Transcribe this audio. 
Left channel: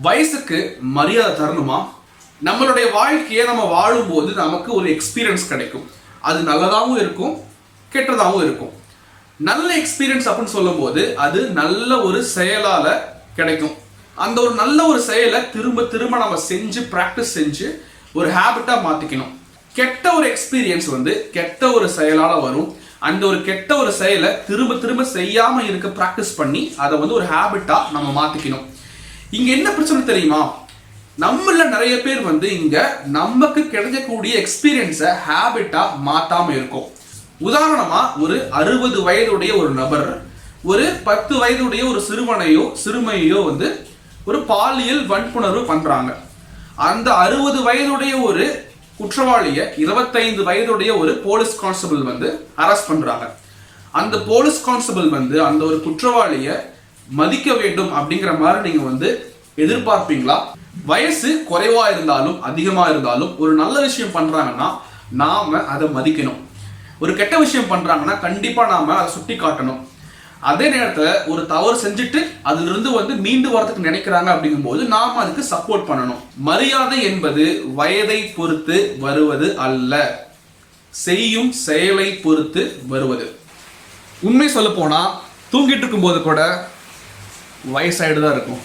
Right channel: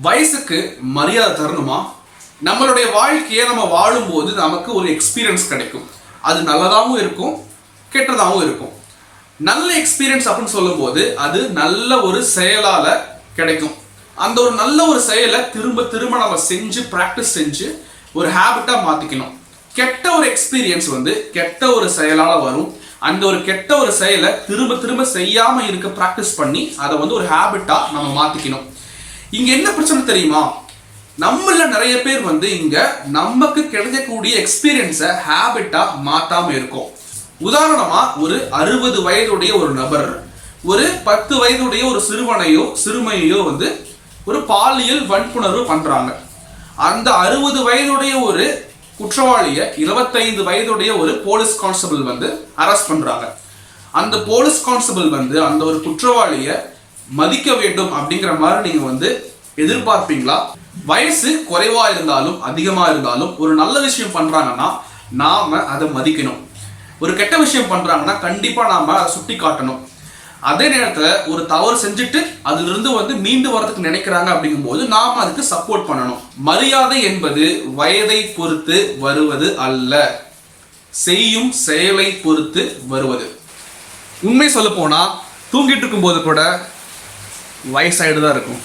வயசுக்கு மரியாதை தரணுமா? நம்மளுடைய வாழ்க்கையை நம்ம வாழும்போது நமக்கு ஒரு எக்ஸ்பீரியன்ஸ் கிடைக்கும். அது நல்லதாகவும் இருக்கும் கெட்டதாகவும் இருக்கும். நல்ல எக்ஸ்பீரியன்ஸ் அப்படின்னு சொல்லும்போது அது நல்ல ஒரு செயலால் கிடைக்கும். அந்த ஒரு நல்ல ஒரு செயலை திரும்ப திரும்ப நம்ம செஞ்சு ப்ராக்டிஸ் செஞ்சு ஒரு ஹேபிட்டாக மாற்றிக்கணும் கெட்ட ஒரு எக்ஸ்பீரியன்ஸ் வந்து கெட்ட ஒரு செயலால் வரும். அந்த ஒரு கெட்ட ஒரு செயலை திரும்ப திரும்ப செய்யாமல் இருக்க ப்ராக்டிஸ் பண்ணி அதை வந்து ஒரு ஹேபிட்டாக நம்ம மாற்றிக்கணும் இங்கே என்ன பிரச்சனை தெரியுமா? நம்மள நிறைய பேர் வந்து இங்க நமக்கு கிடைக்கக்கூடிய எக்ஸ்பீரியன்ஸை ஹேபிட்டா மாத்தாம இருக்கும். உதாரணமா ஒரு அறுபது வயதுடைய ஒரு நபர் ஒரு பத்து வயதுடைய ஒரு சிறுவனையோ சிறுமையோ வந்து ஒரு பாலியல் வன்புணர்வு பண்றாங்க. அந்த அறுபது வயதுடைய ஒரு குற்றவாளியை இருபத்தைந்து வயதுடைய ஒரு போலீஸ் கான்ஸ்டபிள் வந்து அரெஸ்ட் பண்றாங்க. அந்த போலீஸ் கான்ஸ்டபிள் வந்து அந்த ஒரு குற்றவாளியை மதிக்க வேண்டும் அப்படிங்கிற மாதிரி நீங்க வந்து எதிர்பார்ப்பீங்களா? வயசு குறைவா இருந்தாலும் அதிகமா இருந்தாலும் ஒரு நல்ல விஷயம் பண்றாங்கன்னா நாம அதை மதிக்கணும். ஒரு கெட்ட விஷயம் பண்றாங்கன்னா கண்டிப்பா நாம அதை சுட்டி காட்டணும். அதே நேரத்துல ஒரு தவறு செஞ்சுட்டு அதுல இருந்து வந்து மீண்டு வரதுக்கு நினைக்கிறாங்க அப்படிங்கும்போது நாம அதுக்கு சப்போர்ட் பண்ணணும். மரியாதை என்பது வயதை பொறுத்து வருவது அல்ல. செய்யும் செயலை பொறுத்து வருவது. உண்மை சொல்ல போனா தூங்கிட்டு இருக்கும்போது கூட வயசாகிட்டு தான் இருக்கும்.